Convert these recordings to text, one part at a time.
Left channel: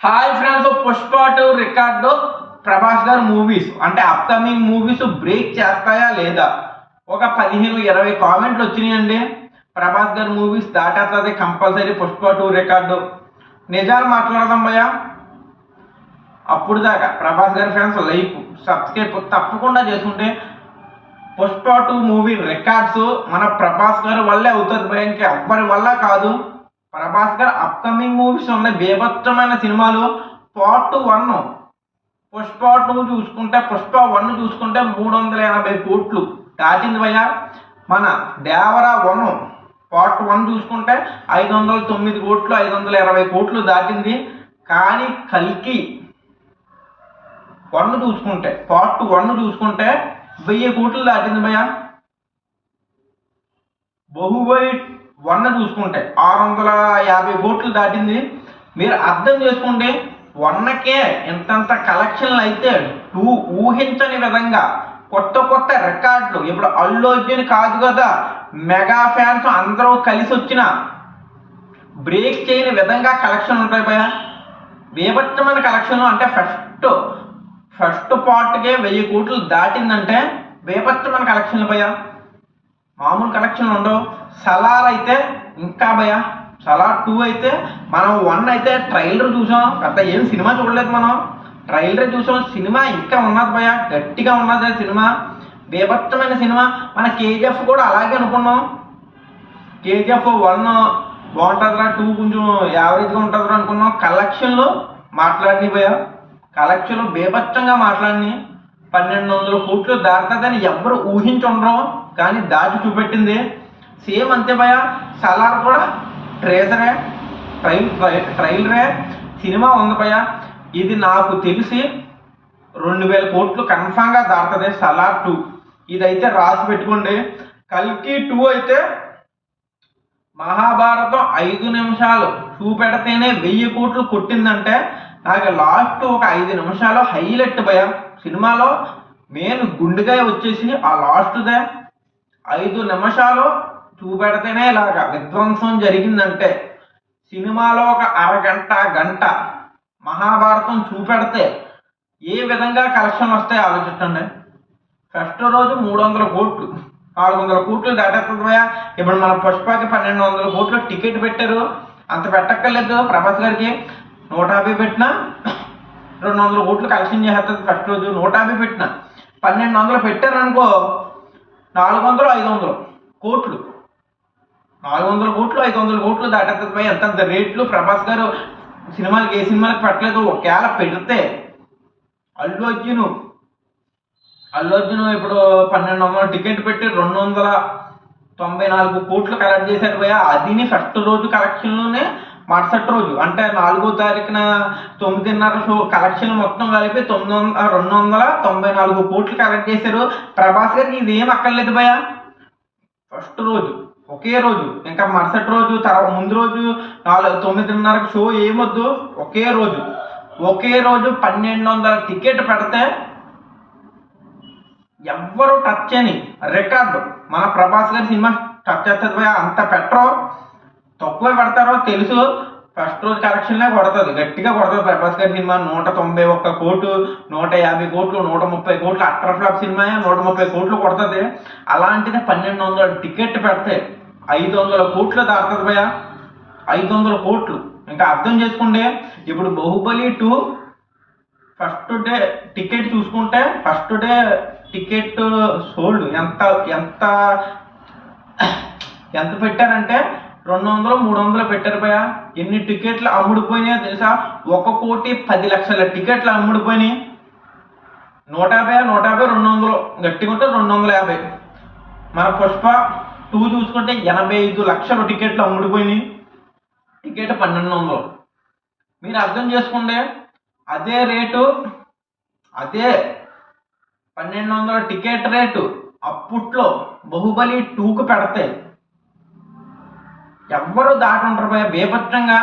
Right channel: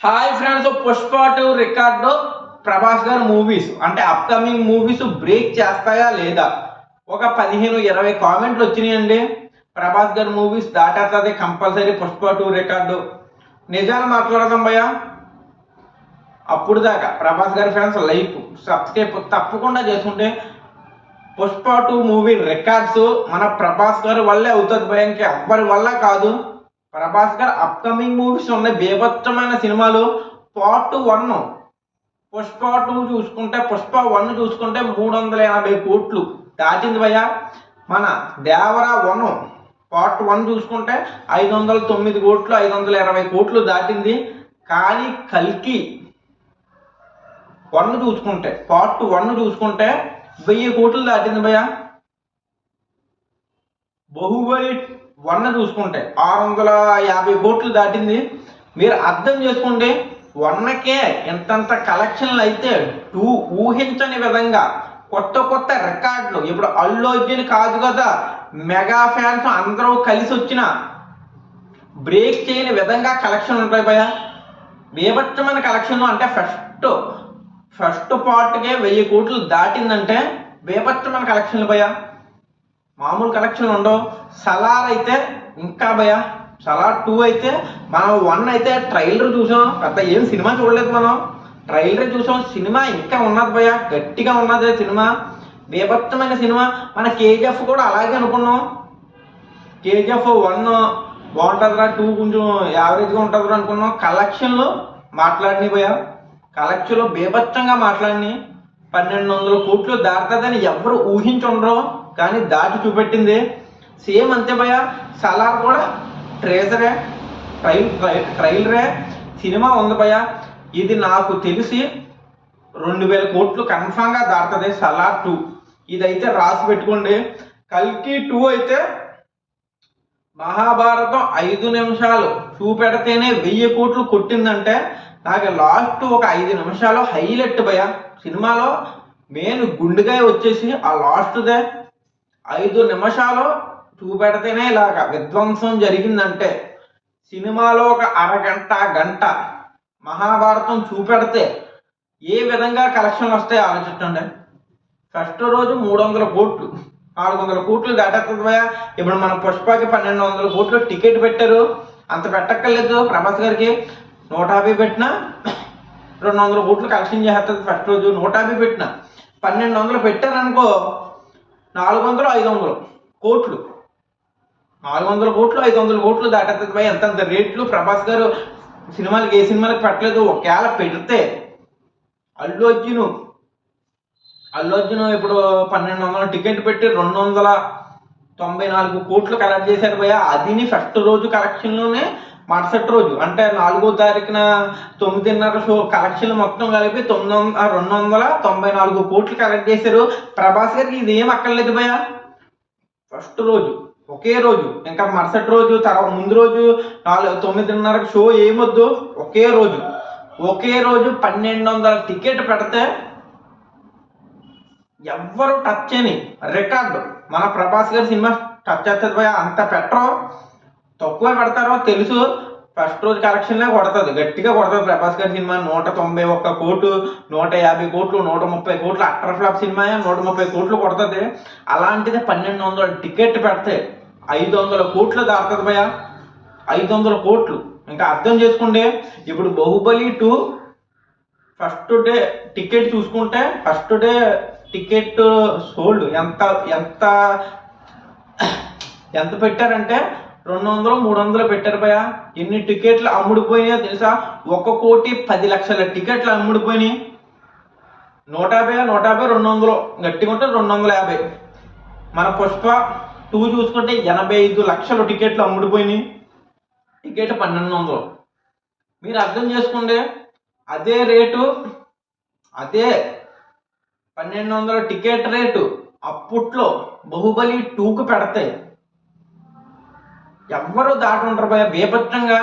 Hi friends, Pushpa 2 record Prabhas గారు movies అంటే upcoming movies break చేస్తాయా లేదా? ఒక 15-20 కామెంట్లు వచ్చినాయండి. ప్రభాస్ గారు మూవీస్ దాటేస్తుంది కంపల్సరీ పుష్ప 2 రికార్డు. నిజాలు మాట్లాడదాం భయ్యా. అప్పుడు దాకా ప్రభాస్ గారి ఫ్యాన్స్ లైక్ సబ్స్క్రైబ్ తప్పకుండా చేసుకుంటే పుష్ప 2 మూవీ రికార్డ్స్ మన ప్రభాస్ గారి వల్లే అవుతుంది భయ్య, ఇంకా ఎవ్వరి వల్ల కాదు. ప్రభాస్ గారు అప్కమింగ్ మూవీస్ ఉన్నాయి, బీభత్సమైన సినిమాలు. పార్ట్ 1 పుష్ప 2 చూసుకుంటే, పుష్ప 1 చూసుకుంటే 380 కోట్లు దాటింది భయ్య. మన దేవరా 1 పార్ట్ 1 చూసుకుంటే 509 కోట్లు, 520 కోట్లు దాటింది. కానీ కల్కి 1 చూసుకుంటే, పార్ట్ 1 చూసుకుంటే 1000 కోట్లు దాటింది భయ్య. బాహుబలి 1 చూసుకుంటే 650 కోట్లు దాటింది. మీరు అర్థం చేసుకోండి, 1కే ఎంతంత కలెక్షన్లు అయితే 2 ఊహించని విధంగా కొత్త కొత్త రికార్డులు. ఇప్పుడు అల్లు అర్జున్ కాదు కదా, మెగా ఫ్యాన్స్ అందరూ కలిసి వచ్చిన బ్రేక్ చేయని విధంగా కలెక్షన్ ఉంటాయి భయ. బీభత్సమైన కలెక్షన్లు అంటే ఫస్ట్ పార్ట్కే 1000 కోట్లు దాటిందంటే బీభత్సమైన కలెక్షన్లు భయ. మామూలు కలెక్షన్లు ఉండవు. సలార్ అయితే ఇంకా భయ. సలార్ 2 అయితే మనం 1 అయితే ట్రైలర్ చూసాం, పెద్ద ఏం సినిమా చూడలేదు, మనం ట్రైలర్ చూసాం. సినిమా ఇంకా ఉన్నది భయ, గట్టిగా ఉన్నది సినిమా, బీభత్సమైన సినిమా. మన కేజీఎఫ్ కూడా అలాగే అనుకున్నాం. కేజీఎఫ్ 1 బాగుంటుందిరా, 2 కొంచెం యావరేజ్గా ఉంటుందిరా అనుకున్నాం. కలెక్షన్లు మాట్లాడినాయి భయ, కలెక్షన్లు బీభత్సంగా మాట్లాడినాయి. 1200 కోట్లు దాటుతుందని ఎవరు ఊహించుండరు, కానీ దాటి చూపెట్టింది. సేమ్ అంతే భయ. సలార్ కూడా ట్రేజరే, ట్రైలరే, సినిమా ఉంది భయ. ఇది నాకు తెలిసి 2000 కోట్లు కన్ఫామ్గా దాటుతుంది సలార్ 2. ఇదైతే రాసి పెట్టుకోండి. కల్కి 2 అయితే మహాభారతం 5 నిమిషాలు చూపెడితేనే 1000 కోట్లు కొట్టిందంటే, నాకు లాస్ట్ ఒక 5 నిమిషాలు హైలైట్ భయ. సినిమాలో మెయిన్ గుండెగా వచ్చేసి ఆ లాస్ట్దే 5 నిమిషాలు చూపెడితేనే ఇలాగా విధ్వంసం జరిగిందంటే, సినిమాలో ఒక అరగంట గంట మహాభారతం చూపెడితే ఏ విధంగా కలెక్షన్లు వస్తాయో ఆలోచించండి. ఫస్ట్ రోజు 300 కోట్లు, 400 కోట్లు దాటేస్తుంది భయ. ఇప్పుడు మన పుష్పకి 1200 కోట్లు టికెట్ పెట్టారు. అంత పెట్టక్కర్లేదు ప్రభాస్ గారికి. 150 పెట్టినా 200 కోట్లు కలెక్షన్ చేస్తుంది ఫస్ట్ రోజు. 150 పెట్టినా 1200 పెట్టారనుకో, 400 500 కోట్లు, 400 కోట్లు 500 కోట్లు దాటేస్తుంది భయ. ఎంతంత రేట్లు ప్రభాస్ గారు సినిమాలకి ఏ సినిమాలకి పెట్టలేదు. ఒకవేళ పెడితే అల్లు అర్జున్ ఇప్పుడు 1200 టికెట్ పెట్టి 294 కోట్లు కలెక్ట్ చేశారు భయ. అదిని ఫస్ట్ రోజు కలెక్షన్లోనే. మరుసటి రోజు అంటే 4వ తారీఖున 9:30 షో కలెక్షన్ మొత్తం కలిపి 294 కోట్లు కలెక్ట్ చేశారు. ప్రభాస్ గారికి ఇది ఏం అక్కర్లేదు భయ. ఫస్ట్ రోజు ఒకే రోజు, ఇంకా మరుసటి రోజు తర్వాత ముందు రోజు 9:30 షో ఏమొద్దు, ఒకే రోజు 1200 టికెట్ పెడితే ఎవ్వరు టచ్ చేయని రికార్డు మన ప్రభాస్ గారి సినిమా టచ్ చేస్తుంది భయ. అంత పెట్టరు, తక్కువ పెడతారో తెలుసు. ఫస్ట్ రోజు కలెక్షన్లే కొడుతుంది, గట్టిగా కొడుతుంది ప్రభాస్ గారి సినిమా. 191 కోట్లు, 150 కోట్లు, 130 కోట్లు. అట్టర్ ఫ్లాప్ సినిమా 130 కోట్లు కొడుతుంది. అలాంటిది 1200 టికెట్ పెడితే 500 కోట్లు దాటుతుంది భయ. 500 కోట్లు ఇంకా అర్థం చేసుకోండి. ఇప్పుడు బాహుబలి 2 ఫస్ట్ డే టికెట్ చూసుకుంటే, ఫస్ట్ డే టికెట్ సోల్డ్ ఎంత ఎంత ఎంత పెట్టారంటే 200-300 పెట్టారు భయ. ఎన్ని టికెట్లు అమ్ముడుపోయినాయో తెలుసా? 1,10,00,000 టికెట్లు అమ్ముడుపోయినాయి. 150 200 గట్టిగా ఉంటే 250. మన పుష్ప 2 చూసుకుంటే 85 లక్షల టికెట్లు అమ్ముడుపోయినాయి. టికెట్ 1200. మీరు అర్థం చేసుకోండి. అదే రేటు, అదే 1200 టికెట్ రేటు అప్పట్లో బాహుబలి 2కు పెడతాయి ఎవ్వరూ దాటి ఉంటారు భయ. బీభత్సంగా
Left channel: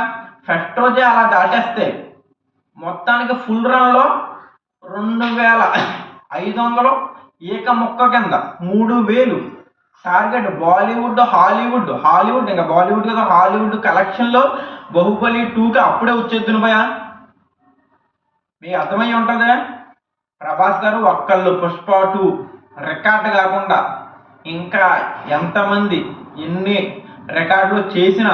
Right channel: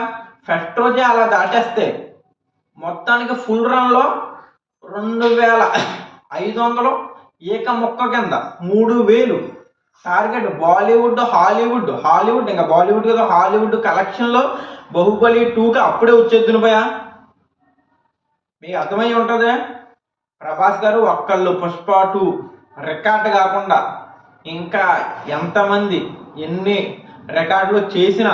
ఫస్ట్ రోజే అలా దాటేస్తే మొత్తానికి ఫుల్ రన్లో 2500 ఏక మొక్క కింద 3000 టార్గెట్. బాలీవుడ్ హాలీవుడ్ ఇంకా బాలీవుడ్ కదా, హాలీవుడ్ కలెక్షన్లో బాహుబలి 2కి అప్పుడే వచ్చేద్దును భయ. మీకు అర్థమై ఉంటుంది. ప్రభాస్ గారు ఒక్కళ్ళు పుష్ప 2 రికార్డ్ కాకుండా ఇంకా ఎంతమంది ఎన్ని రికార్డులు చేసినా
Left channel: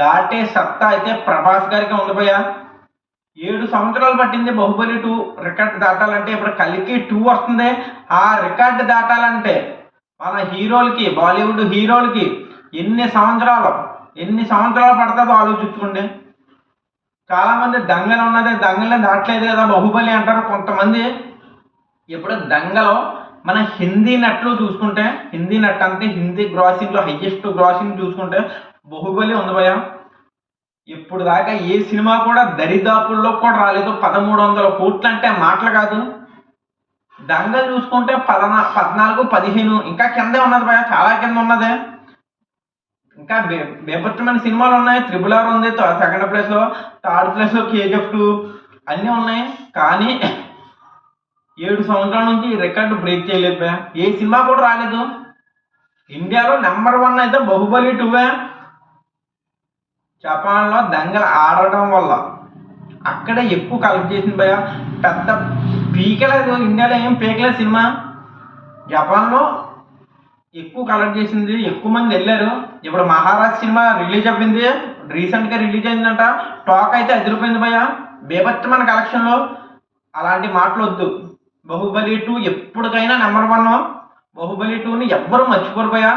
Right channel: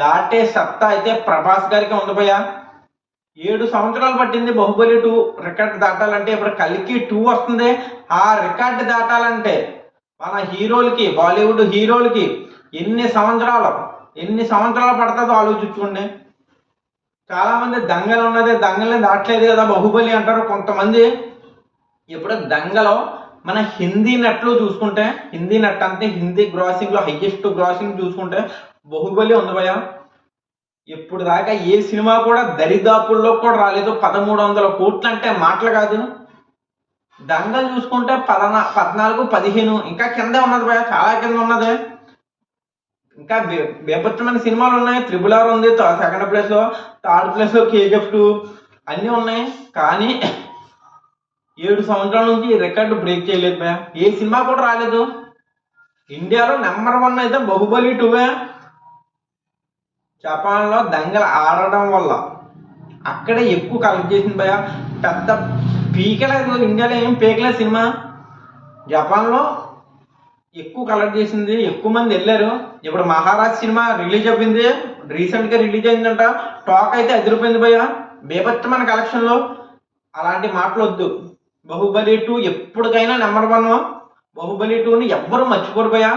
దాటే సత్తా అయితే ప్రభాస్ గారికి ఉంది భయ్య. 7 సంవత్సరాలు పట్టింది బాహుబలి 2 రికార్డ్ దాటాలంటే. ఇప్పుడు కల్కి 2 వస్తుంది. ఆ రికార్డ్ దాటాలంటే మన హీరోలకి, బాలీవుడ్ హీరోలకి ఎన్ని సంవత్సరాలు పడుతుందో ఆలోచించుకోండి. చాలా మంది దంగలు ఉన్నది, దంగల్ని దాటలేదు కదా బాహుబలి అంటారు కొంతమంది. ఇప్పుడు దంగలో మన హిందీ నట్లు చూసుకుంటే, హిందీ నట్ అంటే హిందీ గ్రాసింగ్లో హైయెస్ట్ గ్రాసింగ్ చూసుకుంటే బాహుబలి ఉంది భయ్య. ఇప్పుడు దాకా ఏ సినిమా కూడా దరిదాపుల్లో కూడా రాలేదు 1300 కోట్లు అంటే మాటలు కాదు. దంగల్ చూసుకుంటే 14, 15 ఇంకా కిందే ఉన్నది భయ్య, చాలా కింద ఉన్నది. ఇంకా బేపచ్చమైన సినిమాలు ఉన్నాయి. RRR ఉంది సెకండ్ ప్లేస్లో, థర్డ్ ప్లేస్లో KGF 2 అన్నీ ఉన్నాయి. కానీ 7 సంవత్సరాల నుంచి ఈ రికార్డు బ్రేక్ చేయలేదు భయ్య. ఏ సినిమా కూడా రాలేదు. ఇండియాలో నెంబర్ 1 అయితే బాహుబలి 2. జపాన్లో దంగల్ ఆడడం వల్ల అక్కడే ఎక్కువ కలెక్ట్ చేసింది భయ్య. పెద్ద పీకలేదు, ఇండియాలో ఏం పీకలేదు సినిమా. జపాన్లో ఎక్కువ కలెక్ట్ చేసింది, ఎక్కువ మంది వెళ్ళారు. ఇప్పుడు మహారాజ్ సినిమా రిలీజ్ అయింది, రీసెంట్గా రిలీజ్ అయిందంట. టాక్ అయితే అదిరిపోయింది భయ్య, బేభత్సమైన కలెక్షన్లో. అలాంటి మాటలు వద్దు. బాహుబలి 2 ఎప్పటికైనా నెంబర్ 1. బాహుబలి 2ని ఎవ్వరూ మర్చిపోరు భయ్య.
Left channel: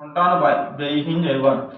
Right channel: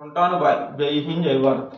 ఉంటాను బాయ్. జై హింద్, జై భారత్.